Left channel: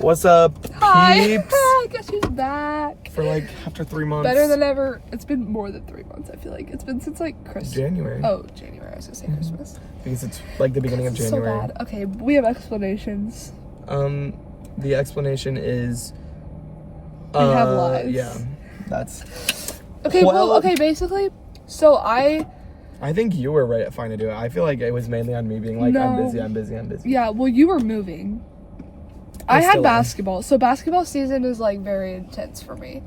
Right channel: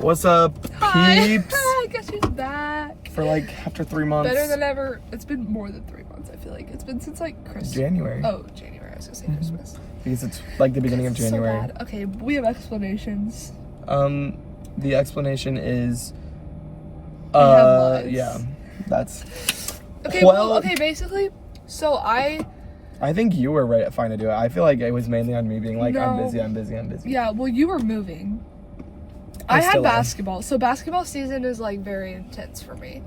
What's up, Hi. peeps? Guess who's back? For like after 3 months. Better than ever. It's been more than 3 months, I feel like. It's been since like Christmas. January. Oh, January. I was gonna say Christmas. Because it's like the beginning of January. So bad. Okay, we have explanations. The explanation is We have lives. yeah. That's Okay, well, okay, basically, so I think you were right fine to do it. I feel like it was mainly on me being like, No. I'm busy. yeah, well, you were moving. I had still am. basketball. So basketball season is like very intense for me.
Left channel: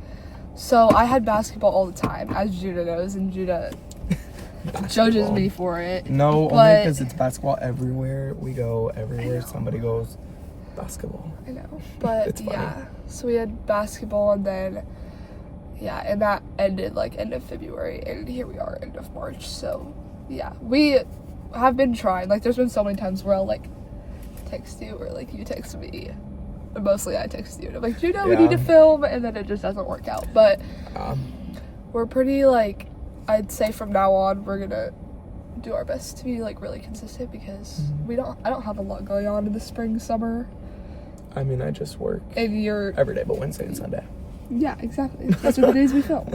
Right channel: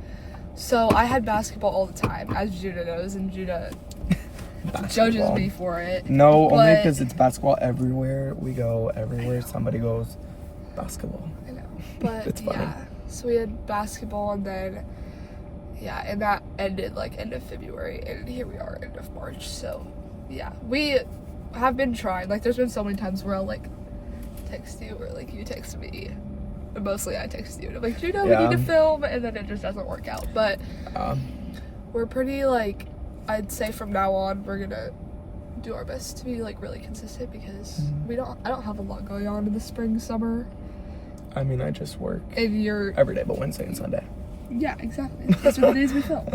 So I had basketball all the time, as Judah knows, and Judah judges me for it. No, only But- because it's basketball everywhere we go. Everywhere somebody goes, basketball. I know, but It's funny. yeah. So we had basketball, and then and that ended like end of February, and here we are, end of March. So yeah, we have been trying. Like, there's been so many times where I'll like text you or like you text me. But mostly I text you. And I'm like, we need to film, and then it just doesn't work out. But we're pretty like, I'd say from now on we're gonna do our best to be like really consistent because I don't have a lot going on in the spring, summer. I mean, I just work And you're every day but Wednesday and Sunday. Yeah, exactly. That's what the days we film.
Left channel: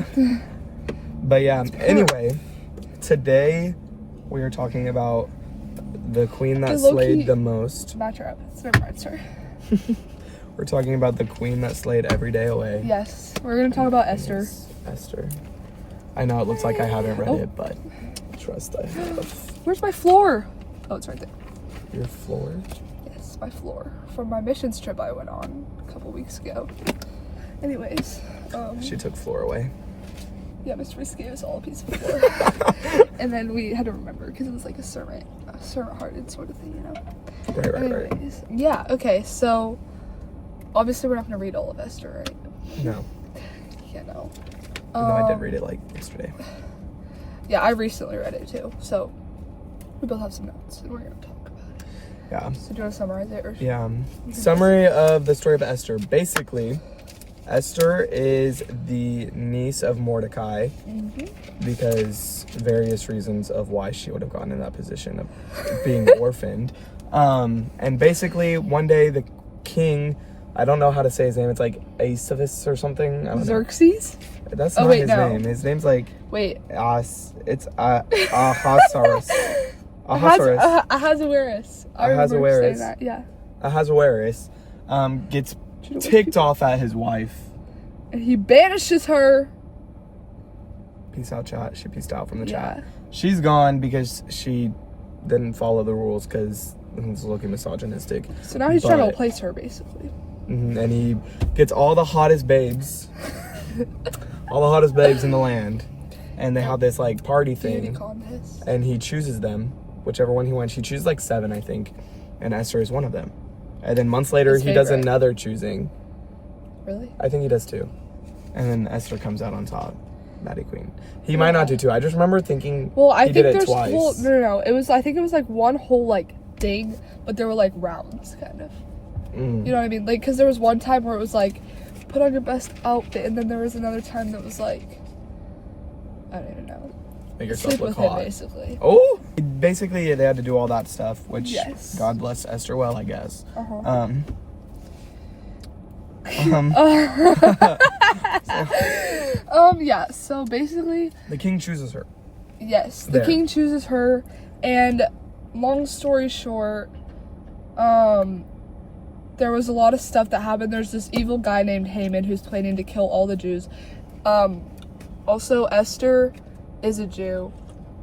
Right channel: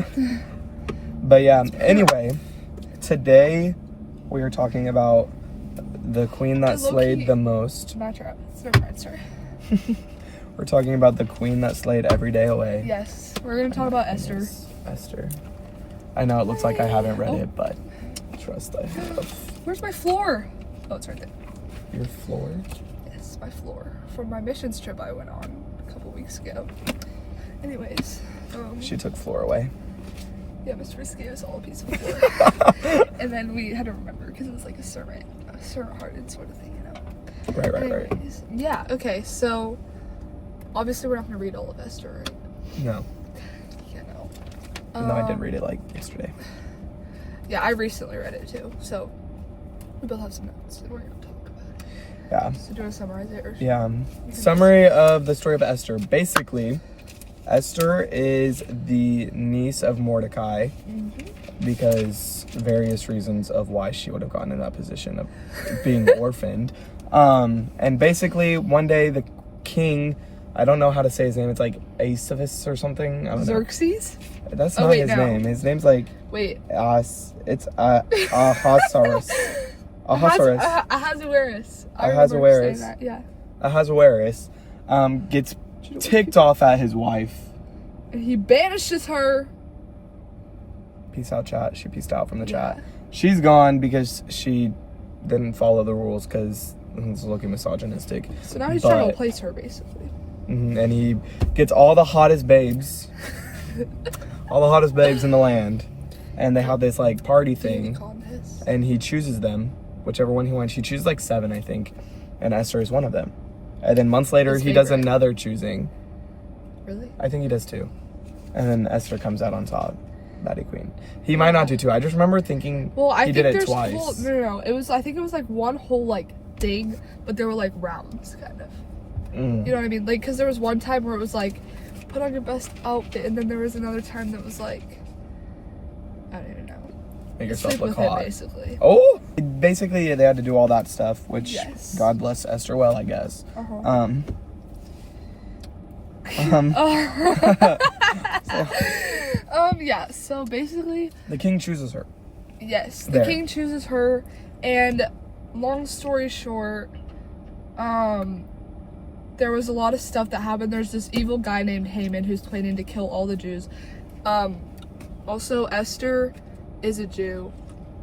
But yeah, anyway, today we are talking about the queen that slayed the most. Not your Never mind, sorry. We're talking about the queen that slayed every day away. Yes, we're gonna talk about Esther. Yes, Esther. I know it looks like I haven't read it, but trust I have. Where's my floor? Oh, it's right there. Your floor? Yes, my floor. From my missions trip I went on a couple weeks ago. Anyways, She took floor away. yeah, Mr. Risky gave us all a piece of floor. And then we had to remember because it was like a servant-hearted sort of thing, you know? Right. Anyways, yeah, okay, so obviously we're not gonna read all of Esther, right? No. Yeah, no. No, I did read it like yesterday. Yeah, I recently read it too, so we both have some notes and we're gonna talk about it. Yeah. So do you want to summarize it? Or Yeah. Summary of the story of Esther. Basically, Esther is the niece of Mordecai because various reasons of why she would have gotten in that position of being orphaned. And basically, one day the king, I don't know how to say his name. It's like Asavus or something. I don't know. Xerxes? That's Oh, not wait, his no. name. His name's like Wait. it's Ahasuerus. Ahasuerus. Ahasuerus. Ahasuerus. That, yeah. Ahasuerus gets ticked off at his wife. And he banishes her. Peace out, chat. She peaced out from the Yeah. chat. She's gone because she didn't follow the rules because he's looking misogynistic. So now he's trying to replace her, basically. And he gets all the hottest babes. All the hottest babes in the land. And they have this like party Beauty thing. contest. And he chooses them. Whichever one he wants. He chooses like 7, I think. And Esther is one of them. And then months later, His he does favorite. another choosing. Really? I think he does too. And then Esther comes out on top. Maddie Queen. He might not do two. I just remember thinking Well, I he think did it there's twice. whole no. I think it was like one whole like thing, but there were like rounds, kind of. You know what I mean? Like, because there was one time where it was like, put on your best outfit, and then there was another time that was like, I don't even know. Make yourself Sleep look with him, hot. basically. Oh! Basically, they had to do all that stuff, which Yes. God bless Esther well, I guess. Yeah, so basically, The king chooses her. yes, the There. king chooses her, and long story short, there was a lot of stuff that happened. There's this evil guy named Haman who's planning to kill all the Jews. Also, Esther is a Jew,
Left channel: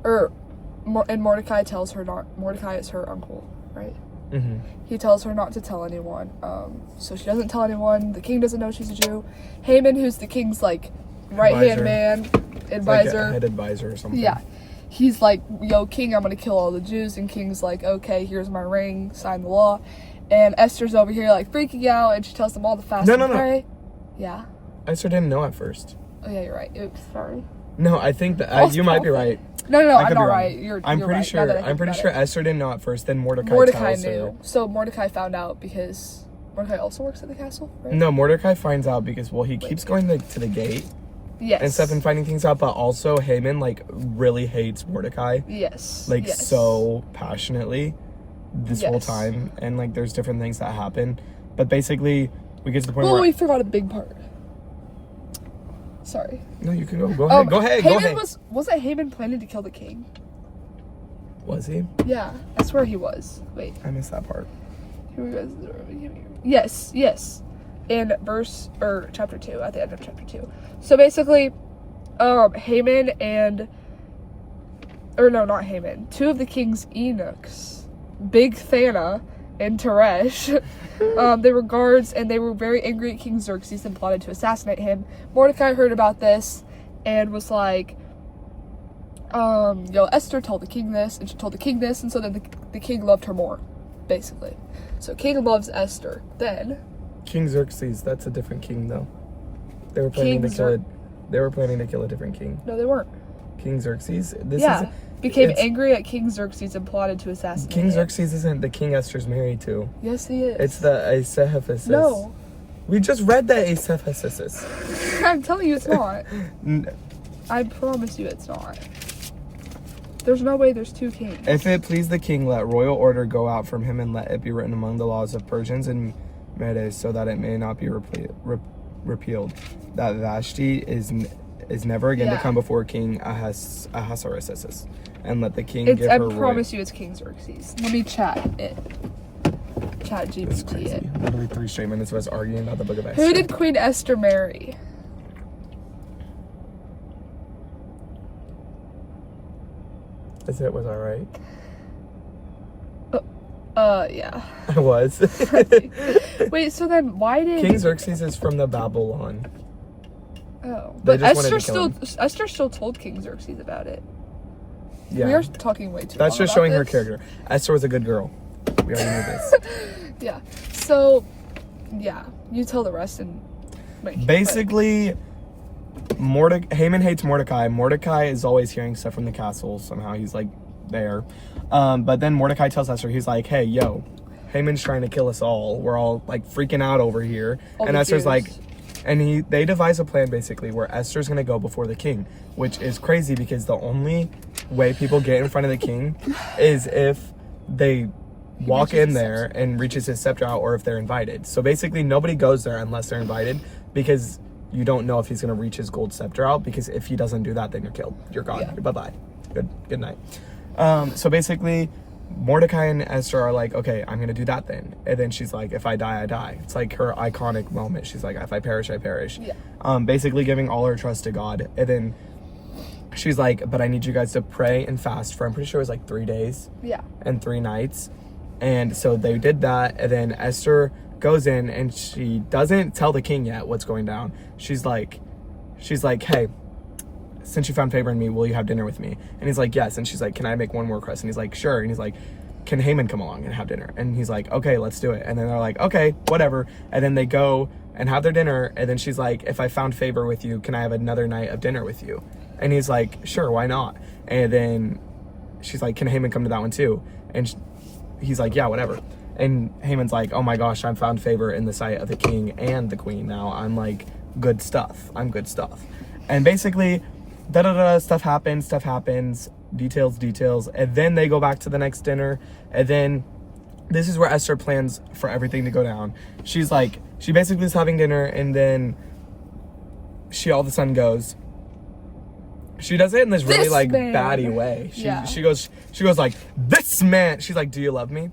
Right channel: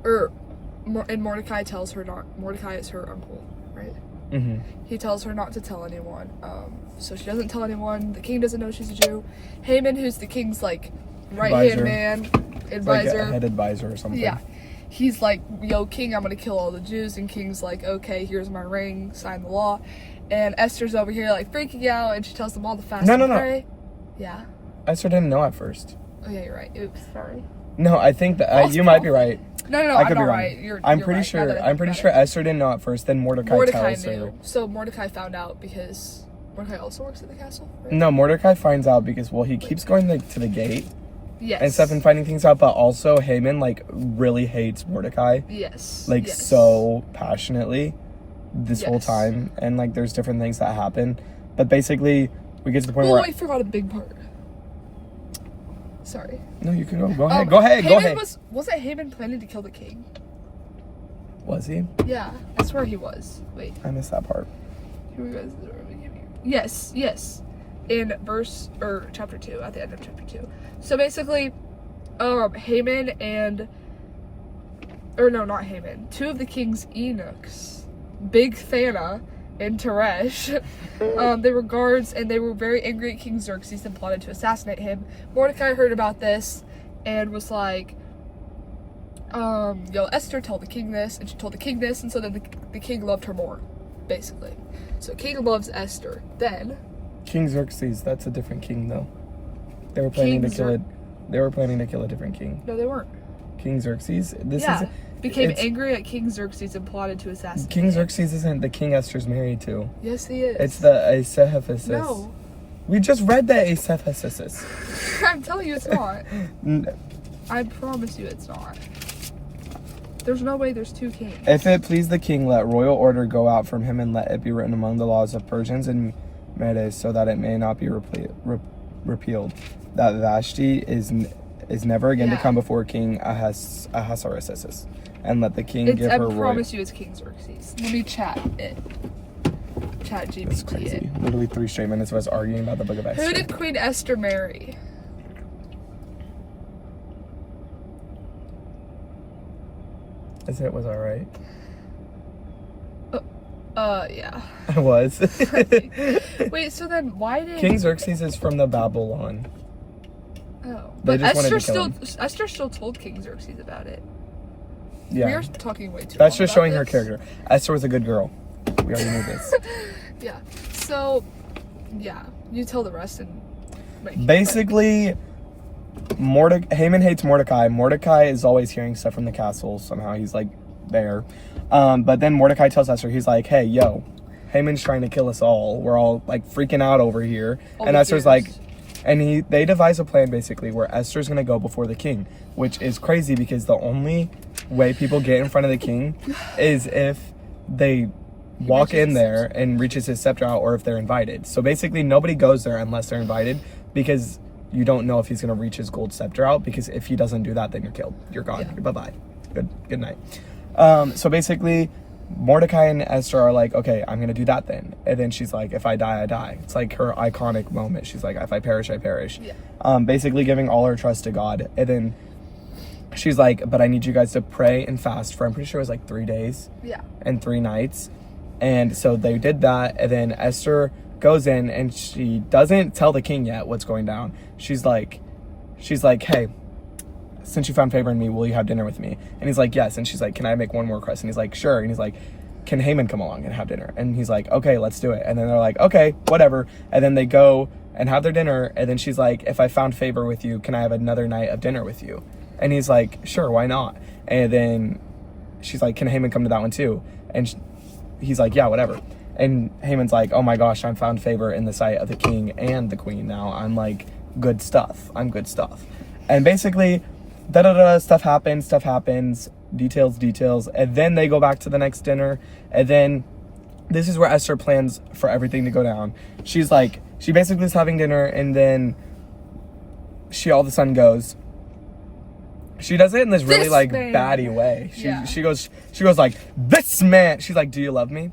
and Mordecai tells her not. Mordecai is her uncle, right? He tells her not to tell anyone. So she doesn't tell anyone. The king doesn't know she's a Jew. Haman, who's the king's like right-hand man, advisor, Like a head advisor or something. yeah. He's like, yo, king, I'm gonna kill all the Jews. And king's like, okay, here's my ring, sign the law. And Esther's over here like freaking out, and she tells them all to fast and pray. Yeah. Esther didn't know at first. Oh yeah, you're right. Oops, sorry. No, I think that you might be right. No, I I'm could not be wrong. right. I'm You're pretty right. sure. I'm pretty sure Esther didn't know at first. Then Mordecai tells knew. her. So Mordecai found out because Mordecai also works at the castle, right? No, Mordecai finds out because he keeps going to the gate Yes. and stuff and finding things out, but also Haman like really hates Mordecai. Yes. Like yes. so passionately this whole time, and like there's different things that happen, but basically we get to the point Oh, where... we forgot a big part. Sorry. No, you can go. Go ahead. Go ahead. Go ahead. Wasn't Haman planning to kill the king? Was he? Yeah, that's where he was. Wait. I missed that part. Yes. In chapter 2, at the end of chapter 2. So basically, Haman and... Or no, not Haman. 2 of the king's eunuchs, Big Thana and Teresh, they were guards, and they were very angry at King Xerxes and plotted to assassinate him. Mordecai heard about this and was like, Esther told the king this, and she told the king this, and so then the king loved her more, basically. So king loves Esther. Then King Xerxes, that's a different king though. They were planning to kill it. They were planning to kill a different king. No, they weren't. King Xerxes? Became angry at King Xerxes and plotted to assassinate King him. Xerxes isn't the king Esther's married to. Yes, he is. It's the Acephasis. No. We just read the Acephasis. I'm telling you it's not. I promise you it's not. There's no way there's 2 kings. If it please the king, let royal order go out from him, and let it be written among the laws of Persians and Medes, so that it may not be repealed. That Vashti is never again to come before King Ahasuerus, and let the king give her. I promise you, it's King Xerxes. Let me chat it. Chat GPT it. Literally 3 straight minutes of us arguing about the Book of Esther. Who did Queen Esther marry? Was I right? Yeah. I was. Wait, so then why did King Xerxes is from the Babylon? Oh, but Esther still told King Xerxes about it. Yeah. We are talking way too. That's just showing her this. character. Esther was a good girl. We already knew this. Yeah. So, yeah, you tell the rest and. Basically, Haman hates Mordecai. Mordecai is always hearing stuff from the castle. Somehow he's like there. But then Mordecai tells Esther, he's like, hey, yo, Haman's trying to kill us all. We're all like freaking out over here. And Esther's like, and they devise a plan basically where Esther's gonna go before the king, which is crazy because the only way people get in front of the king is if they walk in there and reaches his scepter out, or if they're invited. So basically nobody goes there unless they're invited, because you don't know if he's gonna reach his gold scepter out, because if he doesn't do that, then you're killed. You're gone. Yeah. Bye-bye. Good night. So basically Mordecai and Esther are like, okay, I'm gonna do that then. And then she's like, if I die, I die. It's like her iconic moment. She's like, if I perish, I perish. Yeah. Basically giving all her trust to God. And then she's like, but I need you guys to pray and fast for, I'm pretty sure it was like 3 days. Yeah. And 3 nights. And so they did that. And then Esther goes in and she doesn't tell the king yet what's going down. She's like, hey, since you found favor in me, will you have dinner with me? And he's like, yes. And she's like, can I make one more request? And he's like, sure. And he's like, can Haman come along and have dinner? And he's like, okay, let's do it. And then they're like, okay, whatever. And then they go and have their dinner. And then she's like, if I found favor with you, can I have another night of dinner with you? And he's like, sure, why not? And then she's like, can Haman come to that one too? And he's like, yeah, whatever. And Haman's like, oh my gosh, I'm found favor in the sight of the king and the queen now. I'm like, good stuff. I'm good stuff. And basically, stuff happens, details. And then they go back to the next dinner. And then this is where Esther plans for everything to go down. She's like, she basically is having dinner, and then she all of a sudden goes, she does it in this really like baddie way. She goes like, this man. She's like, do you love me?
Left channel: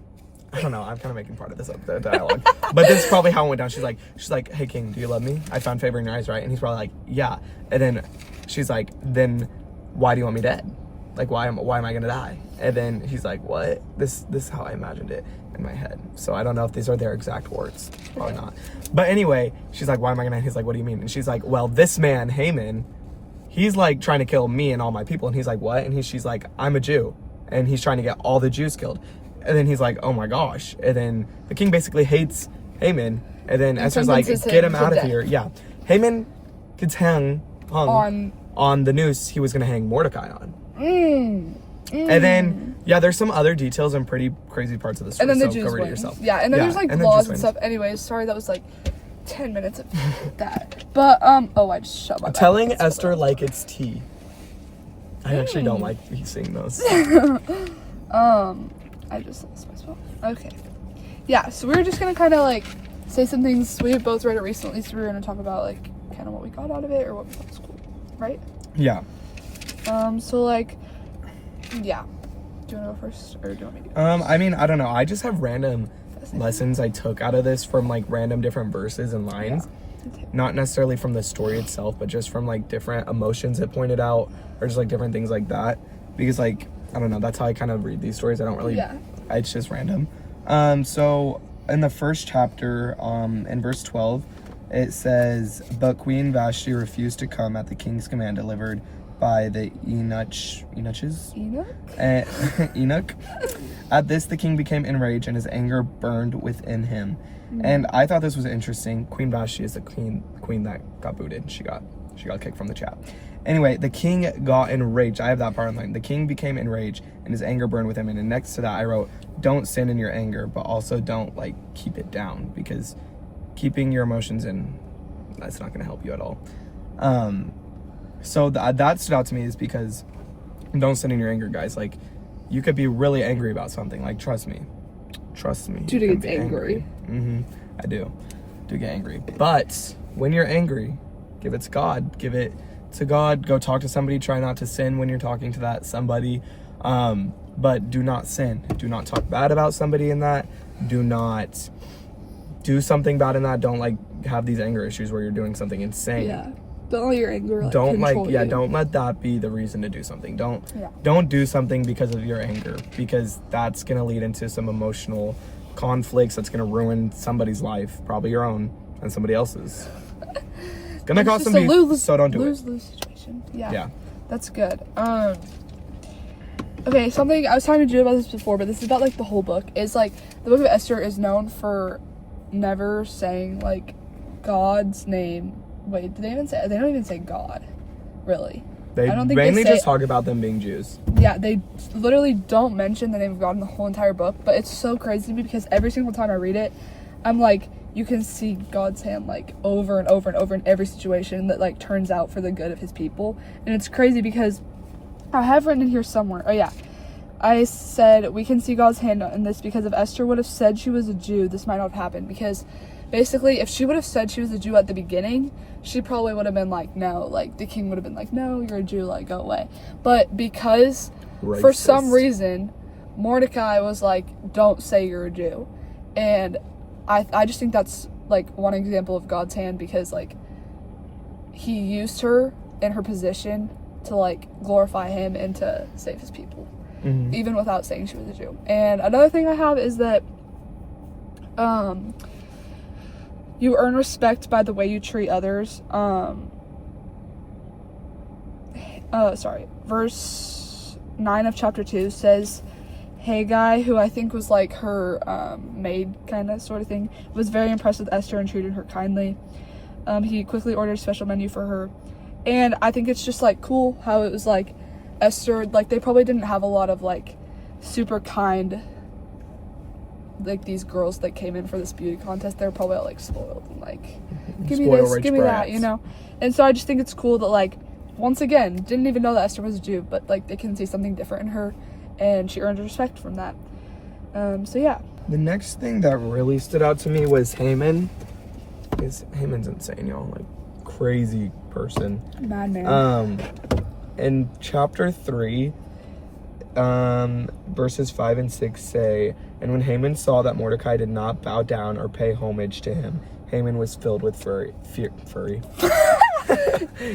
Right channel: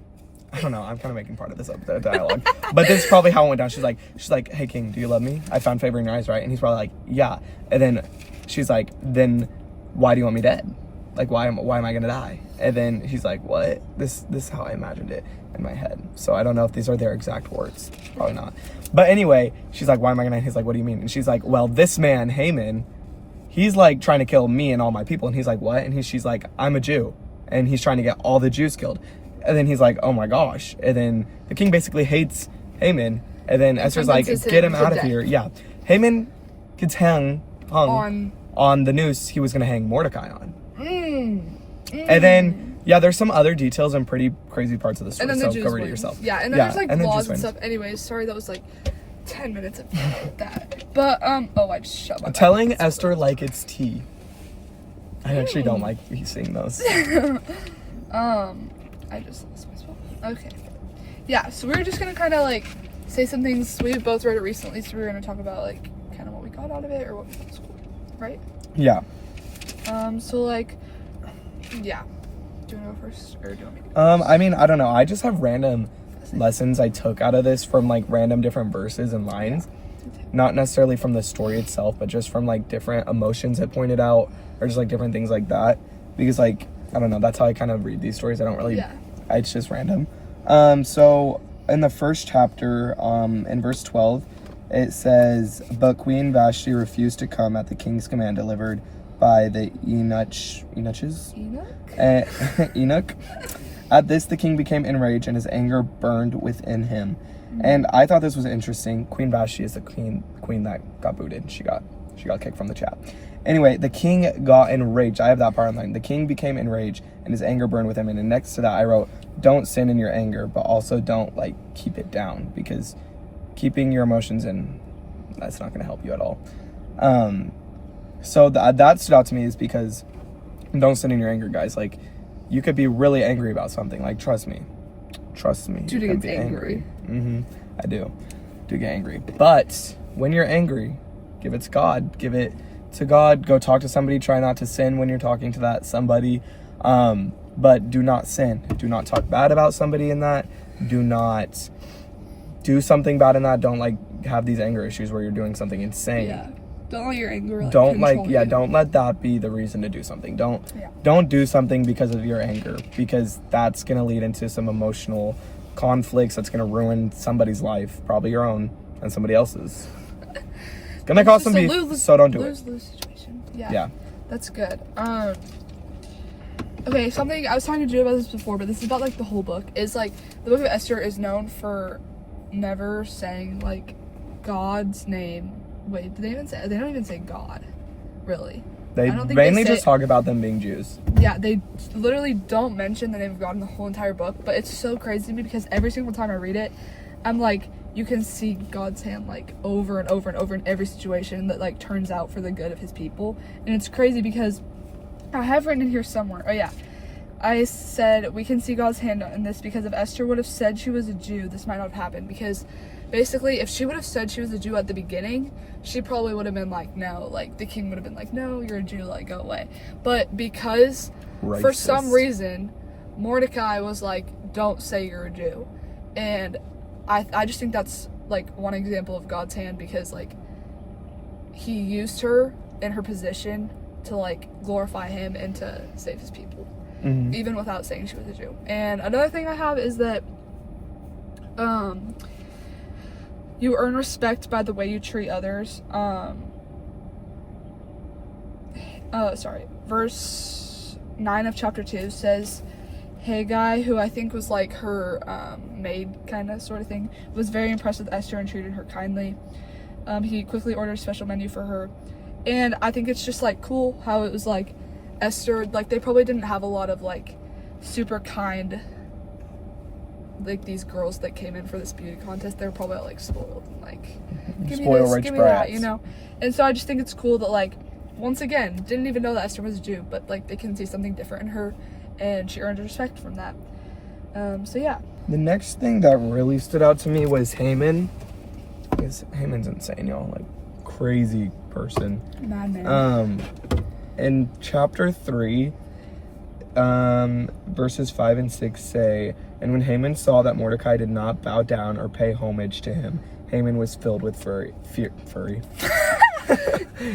I don't know. I'm kind of making part of this the dialogue, but this is probably how it went down. She's like, hey king, do you love me? I found favor in your eyes, right? And he's probably like, yeah. And then she's like, then why do you want me dead? Like, why am I gonna die? And then he's like, what? This is how I imagined it in my head. So I don't know if these are their exact words. Probably not. But anyway, she's like, why am I gonna? He's like, what do you mean? And she's like, well, this man Haman, he's like trying to kill me and all my people. And he's like, what? And she's like, I'm a Jew, and he's trying to get all the Jews killed. And then he's like, oh my gosh. And then the king basically hates Haman. And then Esther's like, get him out of here. Yeah. Haman gets hung on the noose he was going to hang Mordecai on. And then, yeah, there's some other details and pretty crazy parts of the story. And then the Jews go read it yourself. Yeah, and then there's like laws and stuff. Anyways, sorry, that was like 10 minutes of that. But, I just shut my mouth. Telling Esther like it's tea. I actually don't like seeing those. I just lost myself. Okay. Yeah, so we're just gonna kind of like say some things. We both read it recently, so we're gonna talk about like kind of what we got out of it or what we thought was cool, right? Yeah. So like, yeah. Do you want to go first, or do you want me to go I mean, I don't know. I just have random lessons I took out of this from like random different verses and lines. Not necessarily from the story itself, but just from like different emotions it pointed out, or just like different things like that. Because like, I don't know, that's how I kind of read these stories. I don't really, it's just random. So in the first chapter, in verse 12, it says, "But Queen Vashti refused to come at the king's command delivered by the Enoch. At this, the king became enraged and his anger burned within him." And I thought this was interesting. Queen Vashti is the queen that got booted. She got kicked from the chat. Anyway, the king got enraged. I have that part on line. The king became enraged and his anger burned within him. And next to that, I wrote, "Don't sin in your anger, but also don't like keep it down, because keeping your emotions in, that's not going to help you at all." So that stood out to me, is because don't sin in your anger, guys. Like, you could be really angry about something. Like, trust me. Judah gets angry. I do get angry. But when you're angry, give it to God. Give it to God. Go talk to somebody. Try not to sin when you're talking to that somebody. But do not sin. Do not talk bad about somebody in that. Do not do something bad in that. Don't like have these anger issues where you're doing something insane. Yeah. Don't let your anger don't let that be the reason to do something. Don't do something because of your anger, because that's gonna lead into some emotional conflicts that's gonna ruin somebody's life, probably your own and somebody else's. It's gonna cost some peace, so don't do it. Lose situation. Yeah. That's good. Okay, something I was talking to Jude about this before, but this is about like the whole book. Is like the book of Esther is known for never saying like God's name. Wait, did they even say? They don't even say God, really. They mainly just talk about them being Jews. Yeah, they literally don't mention the name of God in the whole entire book. But it's so crazy to me, because every single time I read it, I'm like, you can see God's hand like over and over and over in every situation that like turns out for the good of his people. And it's crazy because I have written in here somewhere. Oh yeah, I said we can see God's hand in this because if Esther would have said she was a Jew, this might not have happened. Because basically, if she would have said she was a Jew at the beginning, she probably would have been like, no, like the king would have been like, no, you're a Jew, like go away. But because for some reason Mordecai was like, don't say you're a Jew, and I just think that's like one example of God's hand, because like he used her in her position to like glorify him and to save his people, even without saying she was a Jew. And another thing I have is that you earn respect by the way you treat others. Verse 9 of chapter 2 says, Haggai, who I think was like her maid kind of sort of thing, was very impressed with Esther and treated her kindly. He quickly ordered a special menu for her. And I think it's just like cool how it was like Esther, like they probably didn't have a lot of like super kind, like these girls that came in for this beauty contest. They were probably all like spoiled and like, give me this, give me that, you know. And so I just think it's cool that like, once again, didn't even know that Esther was a Jew, but like they can see something different in her, and she earned respect from that. So yeah. The next thing that really stood out to me was Haman. Haman's insane, y'all. Like, crazy person. Madman. In chapter 3, verses 5 and 6 say, and when Haman saw that Mordecai did not bow down or pay homage to him, Haman was filled with fury.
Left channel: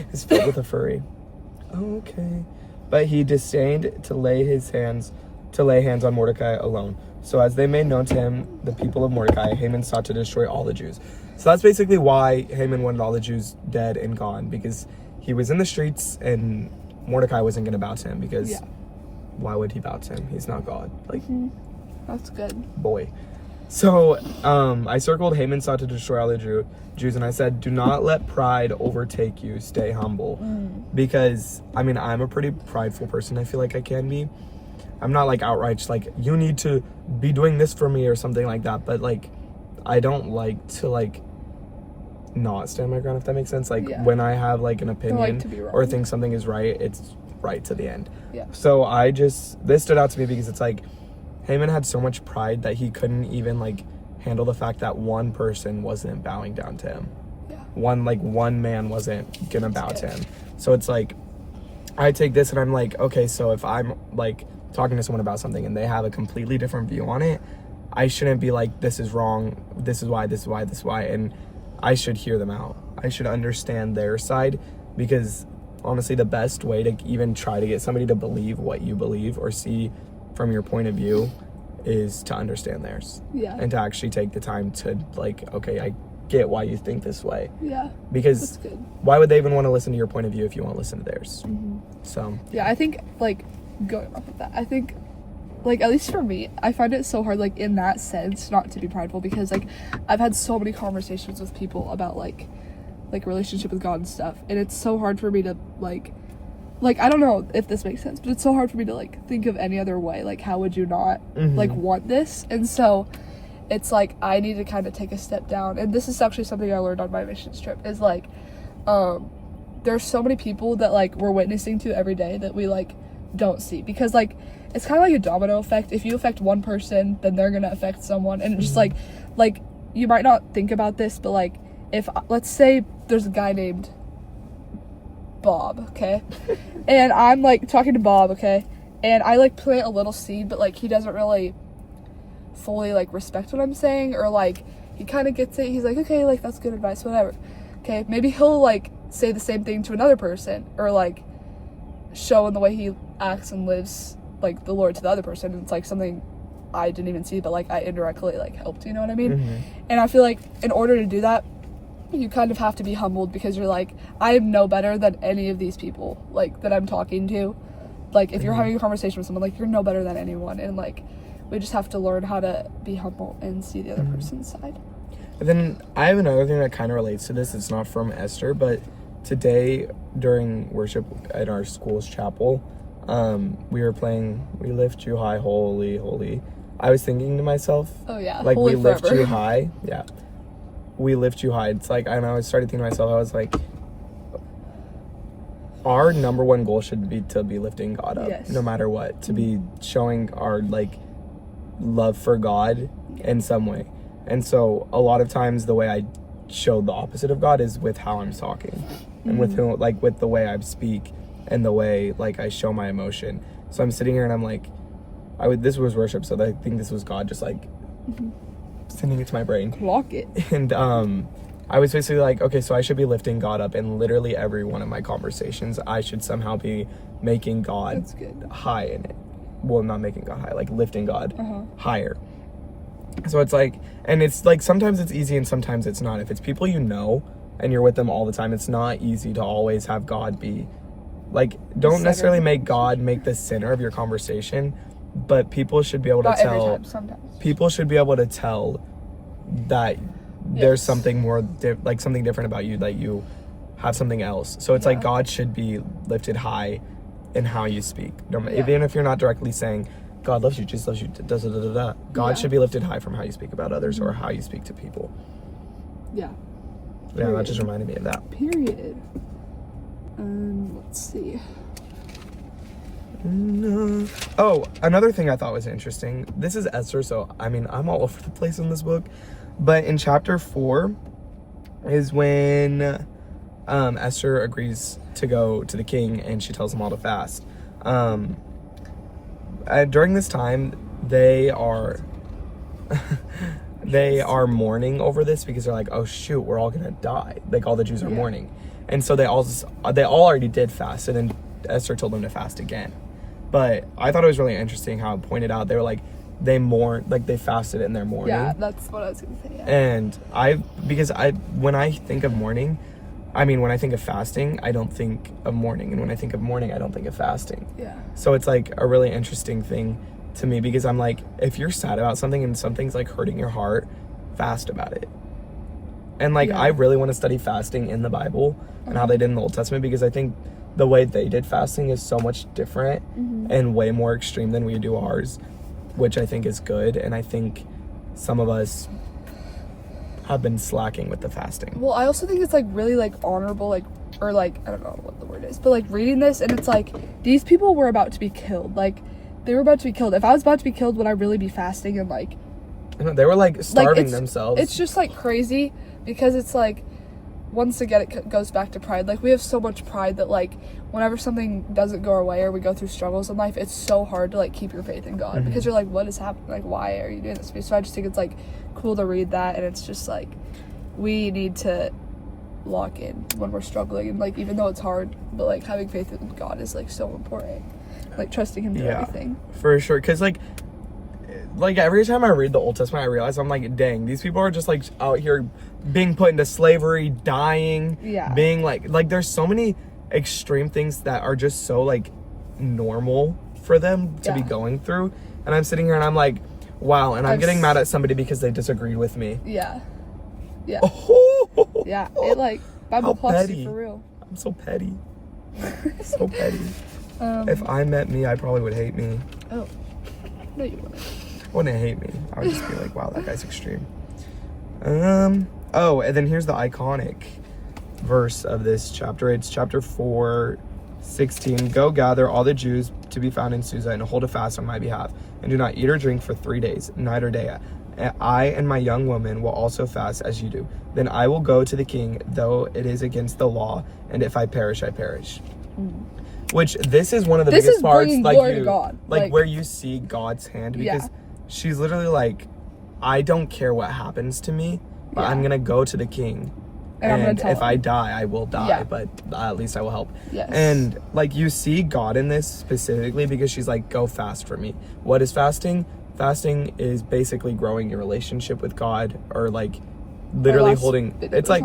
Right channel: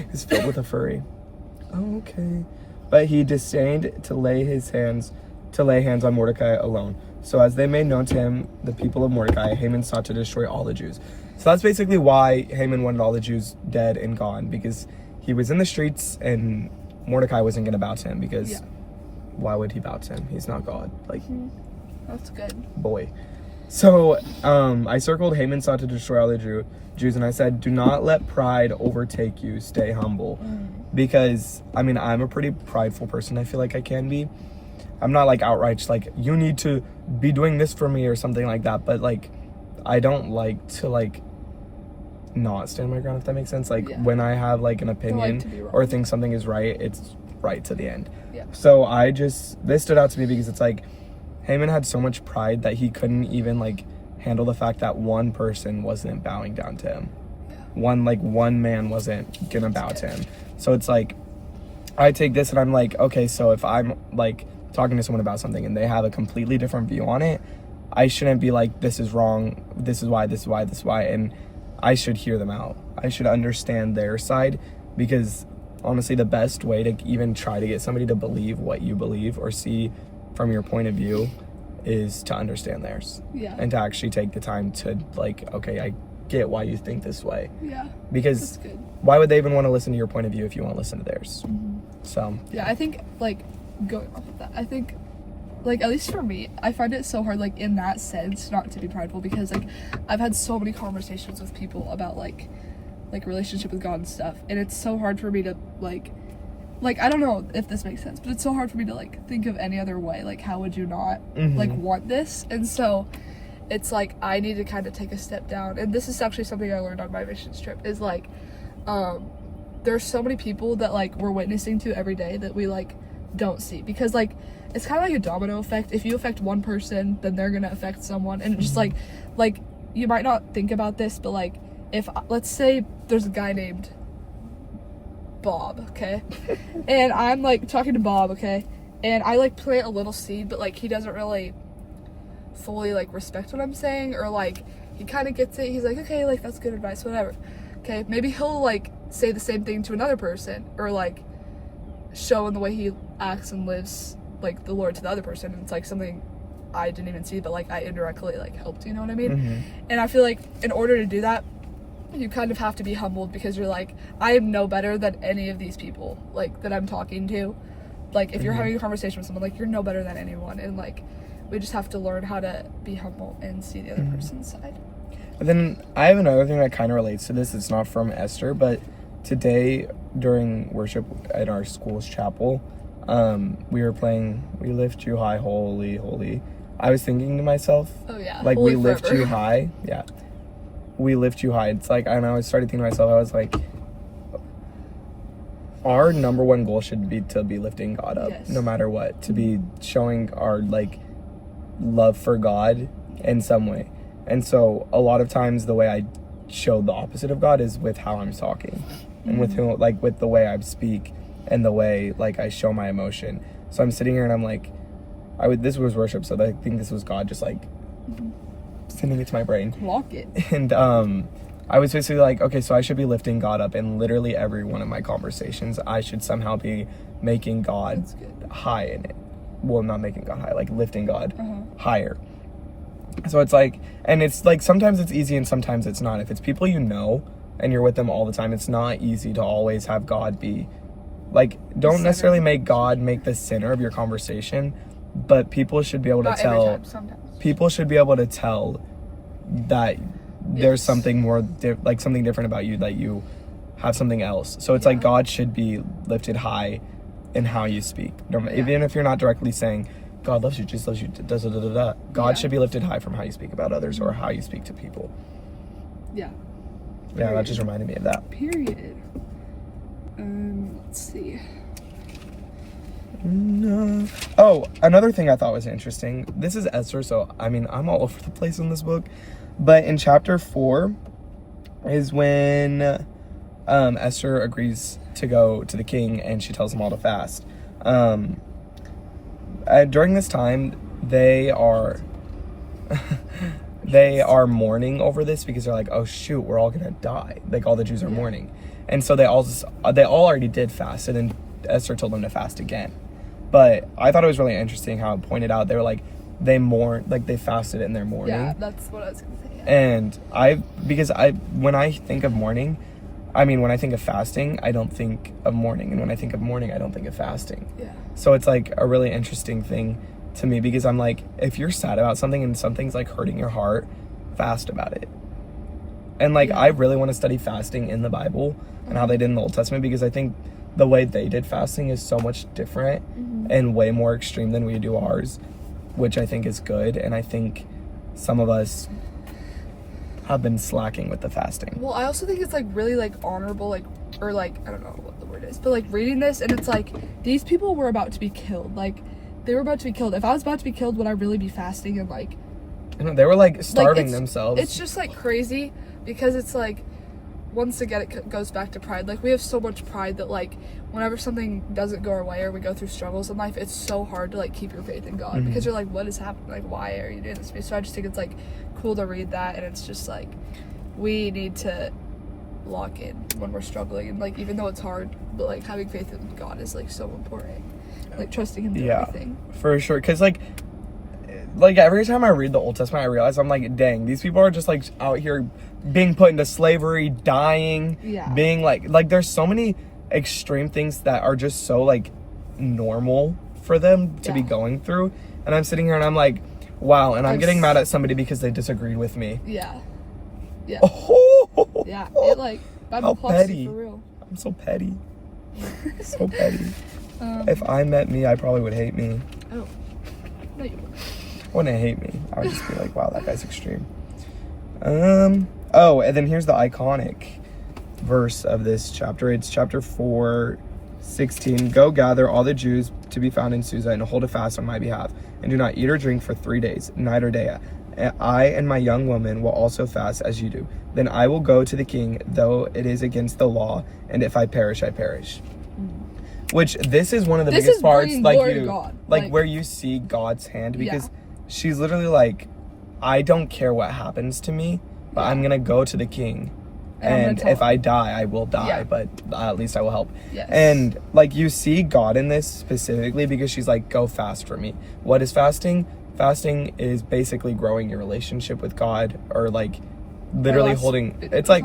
He's filled with a fury. Okay. But he disdained to lay hands on Mordecai alone. So as they made known to him the people of Mordecai, Haman sought to destroy all the Jews. So that's basically why Haman wanted all the Jews dead and gone, because he was in the streets and Mordecai wasn't going to bow to him, because why would he bow to him? He's not God. Like, that's good. Boy. So I circled Haman sought to destroy all the Jews, and I said, do not let pride overtake you. Stay humble. Because, I mean, I'm a pretty prideful person. I feel like I can be. I'm not like outright just like, you need to be doing this for me or something like that. But like, I don't like to like not stand my ground, if that makes sense. Like when I have like an opinion or think something is right, it's right to the end. So this stood out to me because it's like Haman had so much pride that he couldn't even like handle the fact that one person wasn't bowing down to him. Yeah. One man wasn't gonna bow to him. So it's like, I take this and I'm like, okay, so if I'm like talking to someone about something and they have a completely different view on it, I shouldn't be like, this is wrong, this is why, and I should hear them out. I should understand their side, because honestly, the best way to even try to get somebody to believe what you believe or see from your point of view is to understand theirs. Yeah. And to actually take the time to like, okay, I get why you think this way. Yeah. Because That's good. why would they even want to listen to your point of view if you won't listen to theirs? So Yeah, I think, like, going off of that, I think, like, at least for me, I find it so hard, like, in that sense, not to be prideful, because, like, I've had so many conversations with people about, like relationship with God and stuff, and it's so hard for me to, like, I don't know if this makes sense, but it's so hard for me to, like, think of any other way, like, how would you not, like, want this? And so, it's, like, I need to kind of take a step down, and this is actually something I learned on my missions trip, is, like, there's so many people that, like, we're witnessing to every day that we, like, don't see, because, like, it's kind of like a domino effect. If you affect one person, then they're gonna affect someone, and it's just, like, you might not think about this, but, like, if, let's say there's a guy named Bob, okay, and I'm, like, talking to Bob, okay, and I, like, plant a little seed, but, like, he doesn't really fully, like, respect what I'm saying, or, like, he kind of gets it, he's like, okay, like, that's good advice, whatever, okay, maybe he'll, like, say the same thing to another person, or, like, show in the way he acts and lives, like, the Lord to the other person, and it's, like, something I didn't even see, but, like, I indirectly, like, helped, you know what I mean? And I feel like in order to do that, you kind of have to be humbled, because you're like, I am no better than any of these people, like, that I'm talking to. Like, if you're having a conversation with someone, like, you're no better than anyone, and, like, we just have to learn how to be humble and see the other person's side. And then I have another thing that kind of relates to this. It's not from Esther, but today during worship at our school's chapel, we were playing We Lift You High, Holy, Holy. I was thinking to myself, Oh yeah, like, Holy we lift forever. you high. Yeah. We lift you high. It's like, and I started thinking to myself, I was like, our number one goal should be to be lifting God up, Yes. no matter what, to be showing our, like, love for God in some way. And so a lot of times the way I show the opposite of God is with how I'm talking, and with who, like, with the way I speak and the way, like, I show my emotion. So I'm sitting here and I'm like, this was worship, so I think this was God just, like, sending it to my brain. Walk it. And I was basically like, okay, so I should be lifting God up in literally every one of my conversations. I should somehow be making God That's good. high in it. Well, not making God high, like lifting God higher. So it's like, and it's like, sometimes it's easy and sometimes it's not. If it's people you know and you're with them all the time, it's not easy to always have God be, like, don't necessarily make God make the center of your conversation, but people should be able to Not every tell. time, sometimes. People should be able to tell that there's something more, like, something different about you, that you have something else. So it's like, God should be lifted high in how you speak. Even if you're not directly saying, God loves you, Jesus loves you, God should be lifted high from how you speak about others or how you speak to people. Yeah. Yeah, that just reminded me of that. Period. Let's see. Oh, another thing I thought was interesting. This is Esther, so I mean, I'm all over the place in this book. But in chapter 4 is when Esther agrees to go to the king and she tells them all to fast. During this time, they are mourning over this, because they're like, oh shoot, we're all gonna die. Like, all the Jews are mourning. And so they all already did fast, and then Esther told them to fast again. But I thought it was really interesting how it pointed out, they were like, they mourned, like, they fasted in their mourning. Yeah, that's what I was gonna say. Yeah. And when I think of mourning, I mean, when I think of fasting, I don't think of mourning, and when I think of mourning, I don't think of fasting. Yeah. So it's like a really interesting thing to me, because I'm like, if you're sad about something and something's like hurting your heart, fast about it. And like, I really want to study fasting in the Bible and how they did in the Old Testament, because I think the way they did fasting is so much different and way more extreme than we do ours, which I think is good. And I think some of us have been slacking with the fasting. Well, I also think it's like really like honorable, like, or like, I don't know what the word is, but like reading this, and it's like, these people were about to be killed. Like, they were about to be killed. If I was about to be killed, would I really be fasting and like I know, they were like starving Like, themselves. It's just like crazy because it's like, once again, it goes back to pride. Like, we have so much pride that, like, whenever something doesn't go our way or we go through struggles in life, it's so hard to, like, keep your faith in God because you're like, what is happening? Like, why are you doing this? So I just think it's, like, cool to read that, and it's just, like, we need to lock in when we're struggling, and, like, even though it's hard, but, like, having faith in God is, like, so important. Like, trusting Him through everything. For sure, because, like, every time I read the Old Testament, I realize I'm like, dang, these people are just, like, out here being put into slavery, dying, being, like, there's so many extreme things that are just so, like, normal for them to be going through, and I'm sitting here and I'm like, wow, and I'm getting mad at somebody because they disagreed with me. Yeah. Oh, yeah, it, like, Bible plots you for real. I'm so petty. So petty. If I met me, I probably would hate me. Oh, no you wouldn't. Wouldn't hate me. I would just be like, wow, that guy's extreme. Oh, and then here's the iconic verse of this chapter. It's chapter 4:16. Go gather all the Jews to be found in Susa and hold a fast on my behalf, and do not eat or drink for 3 days, night or day. I and my young woman will also fast as you do. Then I will go to the king, though it is against the law, and if I perish, I perish. Which this is one of the biggest parts, like where you see God's hand, because she's literally like, I don't care what happens to me, but I'm gonna go to the king, and if I die, I will die, but at least I will help. And like, you see God in this specifically because she's like, go fast for me. What is fasting? Fasting is basically growing your relationship with God, or like literally holding, it's like,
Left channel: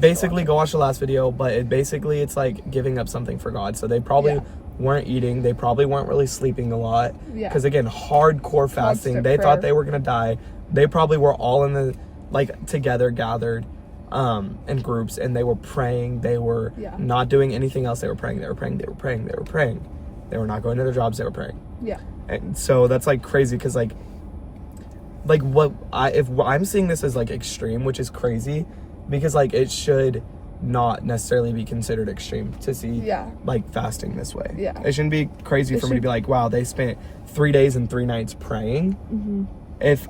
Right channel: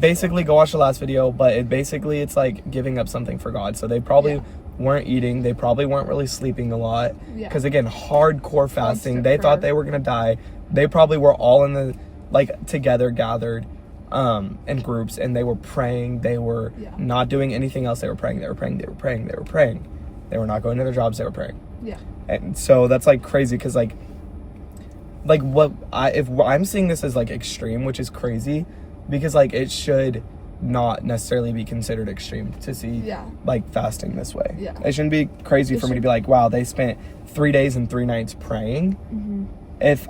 basically go watch the last video, but it's like giving up something for God. So they probably weren't eating, they probably weren't really sleeping a lot, because again, hardcore fasting. They thought they were gonna die. They probably were all in the, like, together, gathered in groups, and they were praying. They were not doing anything else. They were praying. They were not going to their jobs. They were praying. And so that's like crazy, because like if I'm seeing this as like extreme, which is crazy, because like it should not necessarily be considered extreme to see like fasting this way. It shouldn't be crazy for me to be like, wow, they spent 3 days and 3 nights praying. If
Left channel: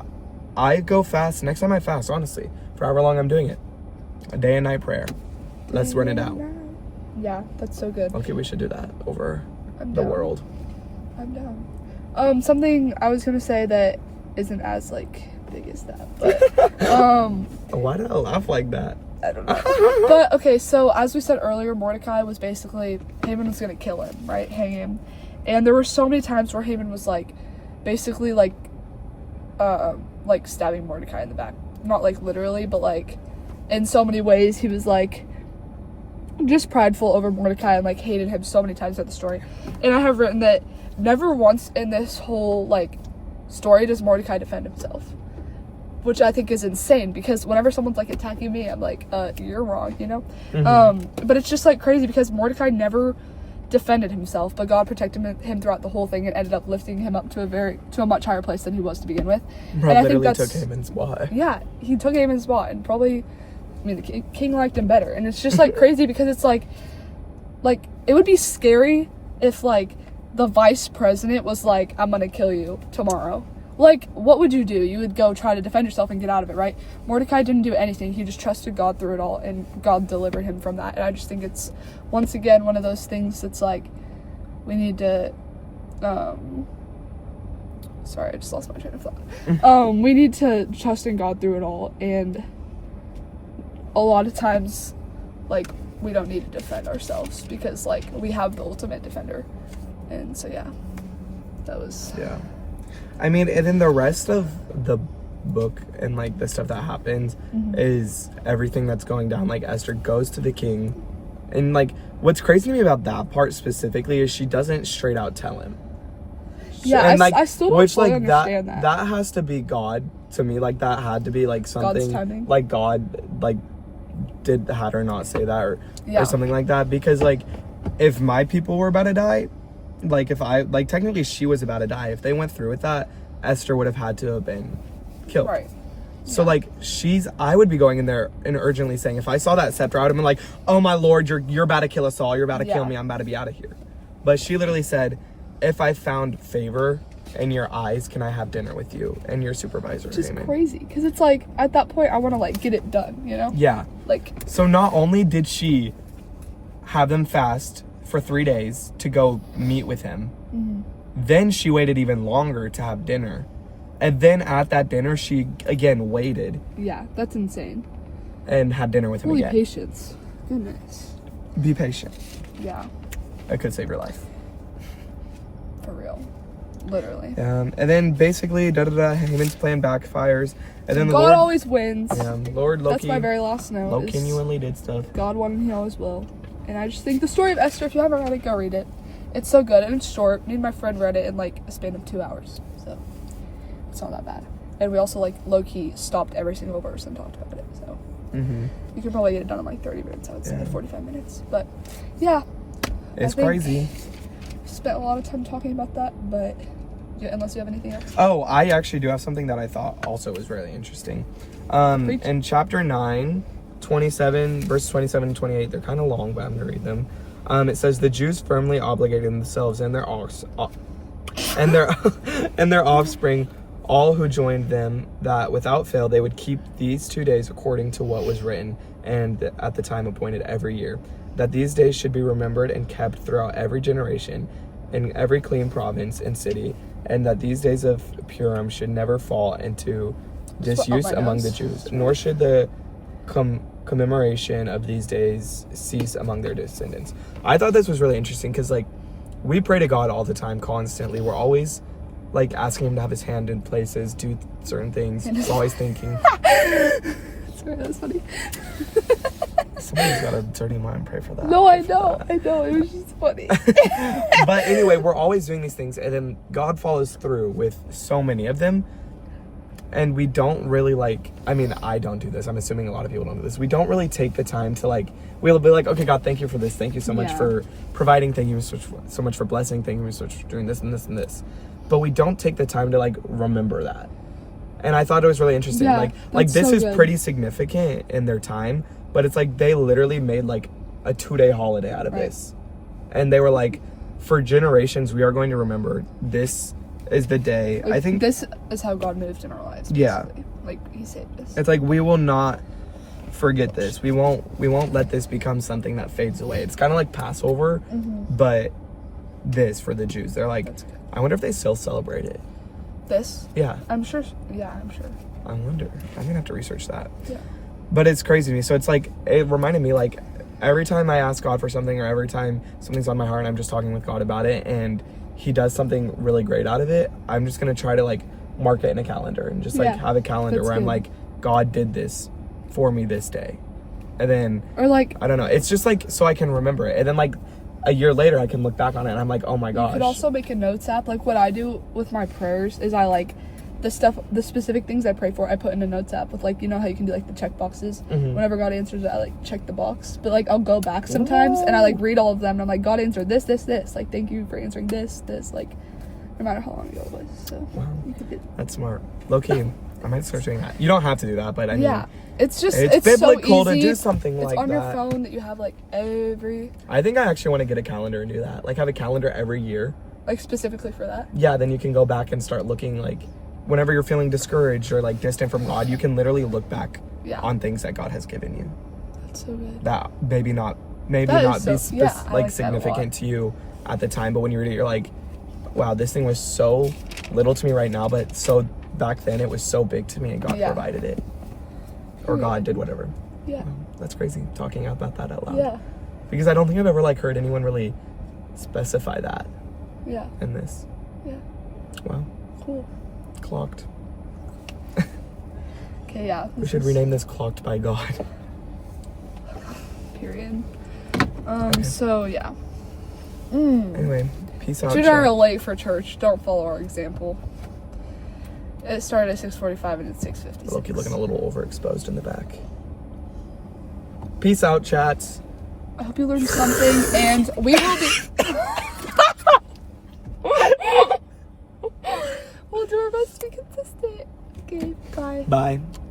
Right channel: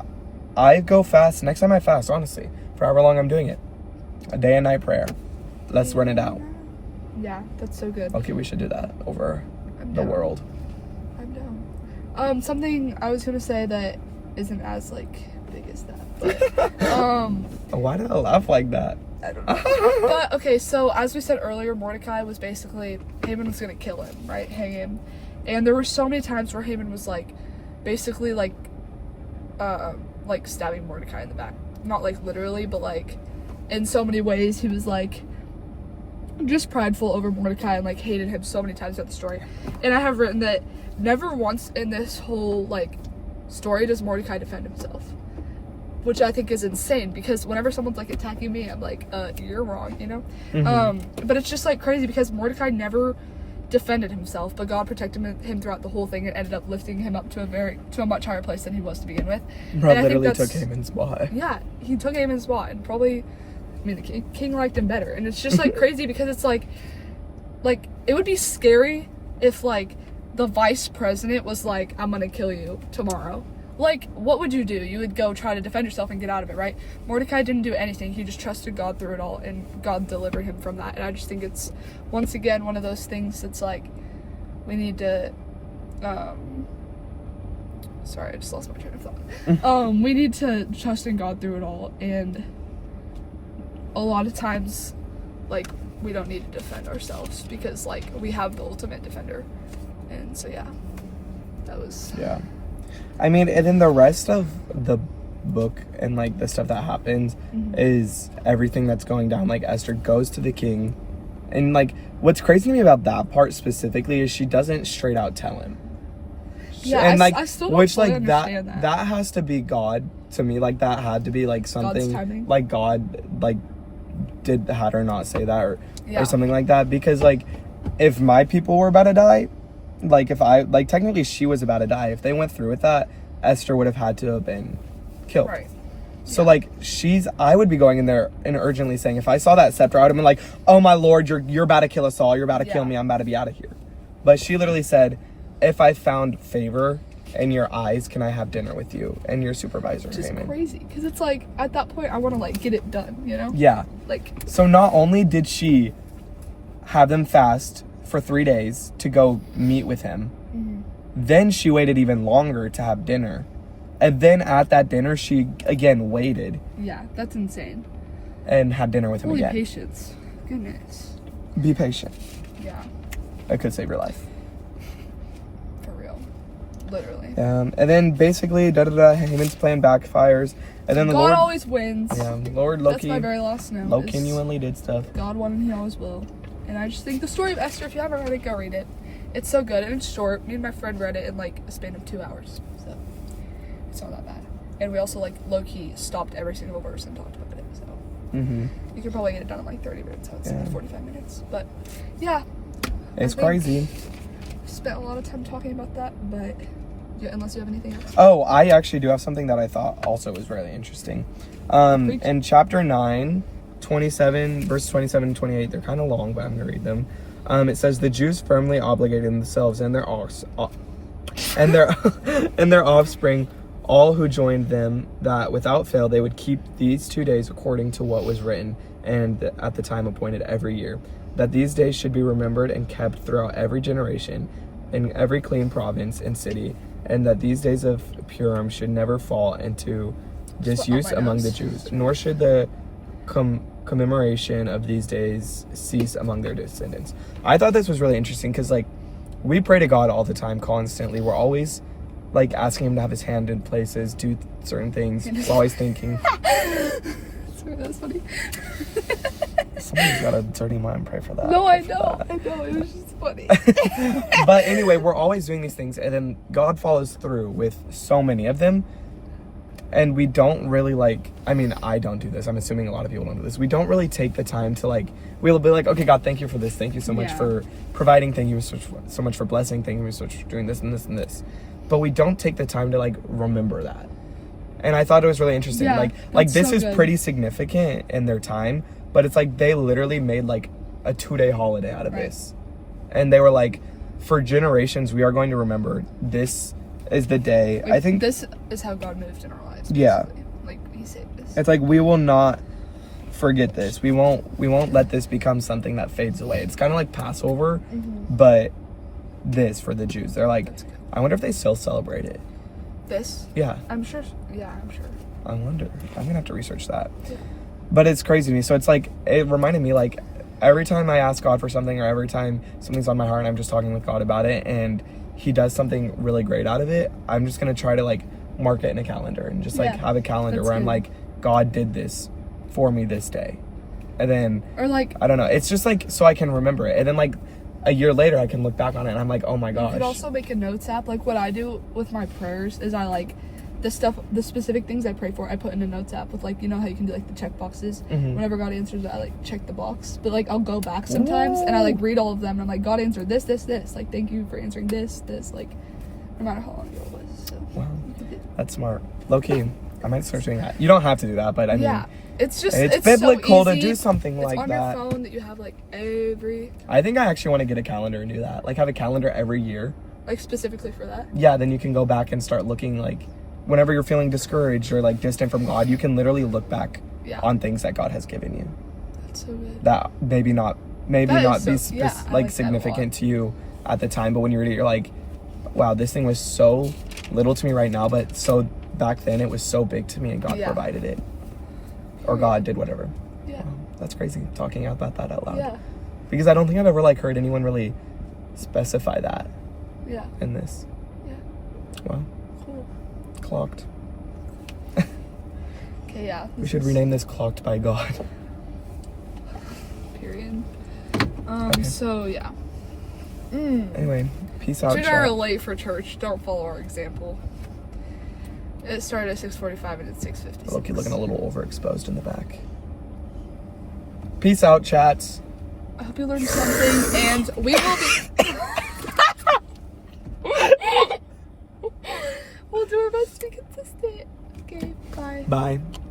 I go fast, next time I fast, honestly, for however long I'm doing it, a day and night prayer, let's run it out. Yeah, that's so good. Okay, we should do that over the world. I'm down. Something I was gonna say that isn't as like big as that, but why did I laugh like that? I don't know. But okay, so as we said earlier, Mordecai was basically, Haman was gonna kill him, right? Hang him. And there were so many times where Haman was like, basically like stabbing Mordecai in the back. Not like literally, but like in so many ways he was like just prideful over Mordecai and like hated him so many times at the story. And I have written that never once in this whole like story does Mordecai defend himself, which I think is insane, because whenever someone's like attacking me, I'm like, you're wrong, you know? But it's just like crazy because Mordecai never defended himself, but God protected him throughout the whole thing and ended up lifting him up to a much higher place than he was to begin with. Rob literally took Haman's spot. Yeah, he took Haman's spot, and probably, I mean, the king liked him better. And it's just like crazy because it's like it would be scary if like the vice president was like, I'm gonna kill you tomorrow. Like, what would you do? You would go try to defend yourself and get out of it, right? Mordecai didn't do anything. He just trusted God through it all, and God delivered him from that. And I just think it's, once again, one of those things that's like, we need to, sorry, I just lost my train of thought. We need to trust in God through it all, and a lot of times, like, we don't need to defend ourselves because, like, we have the ultimate defender. And so, yeah, that was... Yeah. I mean, and then the rest of the book and, like, the stuff that happens is everything that's going down. Like, Esther goes to the king. And, like, what's crazy to me about that part specifically is she doesn't straight out tell him. Yeah, and, like, I still don't fully understand that. That has to be God to me. Like, that had to be, like, something... God's timing. Like, God, like, had her not say that or something like that. Because, like, if my people were about to die... Like, if I, like, technically she was about to die. If they went through with that, Esther would have had to have been killed. Right. So, like, I would be going in there and urgently saying, if I saw that scepter, I would have been like, oh my Lord, you're about to kill us all. You're about to kill me. I'm about to be out of here. But she literally said, if I found favor in your eyes, can I have dinner with you? And your supervisor, Which is Haman. crazy, because it's like, at that point, I want to, like, get it done, you know? Yeah. Like, So not only did she have them fast for 3 days to go meet with him, then she waited even longer to have dinner. And then at that dinner, she again waited yeah, that's insane. and had dinner with him Holy again. patience. Goodness. Be patient. Yeah, It could save your life. for real. Literally. And then basically, Haman's plan backfires. And then the God Lord, always wins. Lord That's Loki, my very last note. Loki is genuinely did stuff. God won and he always will. And I just think the story of Esther, if you haven't read it, go read it. It's so good and it's short. Me and my friend read it in like a span of 2 hours. So it's not that bad. And we also like low-key stopped every single verse and talked about it. So you could probably get it done in like 30 minutes. I would say 45 minutes. But yeah. It's crazy. Spent a lot of time talking about that, but yeah, unless you have anything else. Oh, I actually do have something that I thought also was really interesting. In chapter 9, 27, verse 27 and 28, they're kind of long, but I'm going to read them. It says, the Jews firmly obligated themselves and their and their offspring, all who joined them, that without fail they would keep these 2 days according to what was written and at the time appointed every year, that these days should be remembered and kept throughout every generation in every clean province and city, and that these days of Purim should never fall into disuse among the Jews, nor should the commemoration of these days cease among their descendants. I thought this was really interesting because, like, we pray to God all the time, constantly. We're always, like, asking him to have his hand in places, do certain things. We're always thinking. Sorry, that's funny. Somebody's got a dirty mind, pray for that. No, I know, it was just funny. But anyway, we're always doing these things, and then God follows through with so many of them. And we don't really, like, I mean, I don't do this. I'm assuming a lot of people don't do this. We don't really take the time to, like, we'll be like, okay, God, thank you for this. Thank you so much for providing. Thank you so much for blessing. Thank you so much for doing this and this and this. But we don't take the time to, like, remember that. And I thought it was really interesting. Yeah, like this so is good. pretty significant in their time. But it's like they literally made, like, a 2-day holiday out of this. And they were like, for generations, we are going to remember this is the day. Like, I think this is how God moved in our lives. Yeah. Basically. Like he saved us. it's like we will not forget this. We won't let this become something that fades away. It's kind of like Passover, but this for the Jews. They're like, I wonder if they still celebrate it. This? Yeah. I'm sure. Yeah, I'm sure. I wonder. I'm gonna have to research that. Yeah. But it's crazy to me. So it's like, it reminded me, like, every time I ask God for something or every time something's on my heart and I'm just talking with God about it and he does something really great out of it, I'm just going to try to, like, mark it in a calendar and just, like, have a calendar where I'm like, God did this for me this day. And then, or like, I don't know. It's just, like, so I can remember it. And then, like, a year later, I can look back on it and I'm like, oh my gosh. you could also make a notes app. Like, what I do with my prayers is I, like, the specific things I pray for, I put in a notes app with, like, you know how you can do, like, the check boxes. Whenever God answers it, I, like, check the box. But, like, I'll go back sometimes and I, like, read all of them and I'm like, God answered this. Like, thank you for answering this. Like, no matter how long ago it was. So wow, that's smart. Low-key, I might start doing that. You don't have to do that, but I mean, it's just it's biblical so to do something like that. It's on your phone that you have, like, every, I think I actually want to get a calendar and do that. Like, have a calendar every year. like, specifically for that. Yeah, then you can go back and start looking, like, whenever you're feeling discouraged or, like, distant from God, you can literally look back on things that God has given you. That's so good. That maybe not be significant to you at the time, but when you read it, you're like, wow, this thing was so little to me right now, but so back then it was so big to me and God provided it. Or God did whatever. Yeah. That's crazy, talking about that out loud. Yeah. Because I don't think I've ever, like, heard anyone really specify that. Yeah. In this. Yeah. Wow. Cool. Clocked. Okay, yeah. We should rename this Clocked by God. Period. Okay. So, yeah. Anyway, peace out. Jude and I are late for church. Don't follow our example. It started at 6:45 and it's 6:56. Loki looking a little overexposed in the back. Peace out, chats. I hope you learned something, and we will be... We'll do our best to be consistent. Okay, bye. Bye.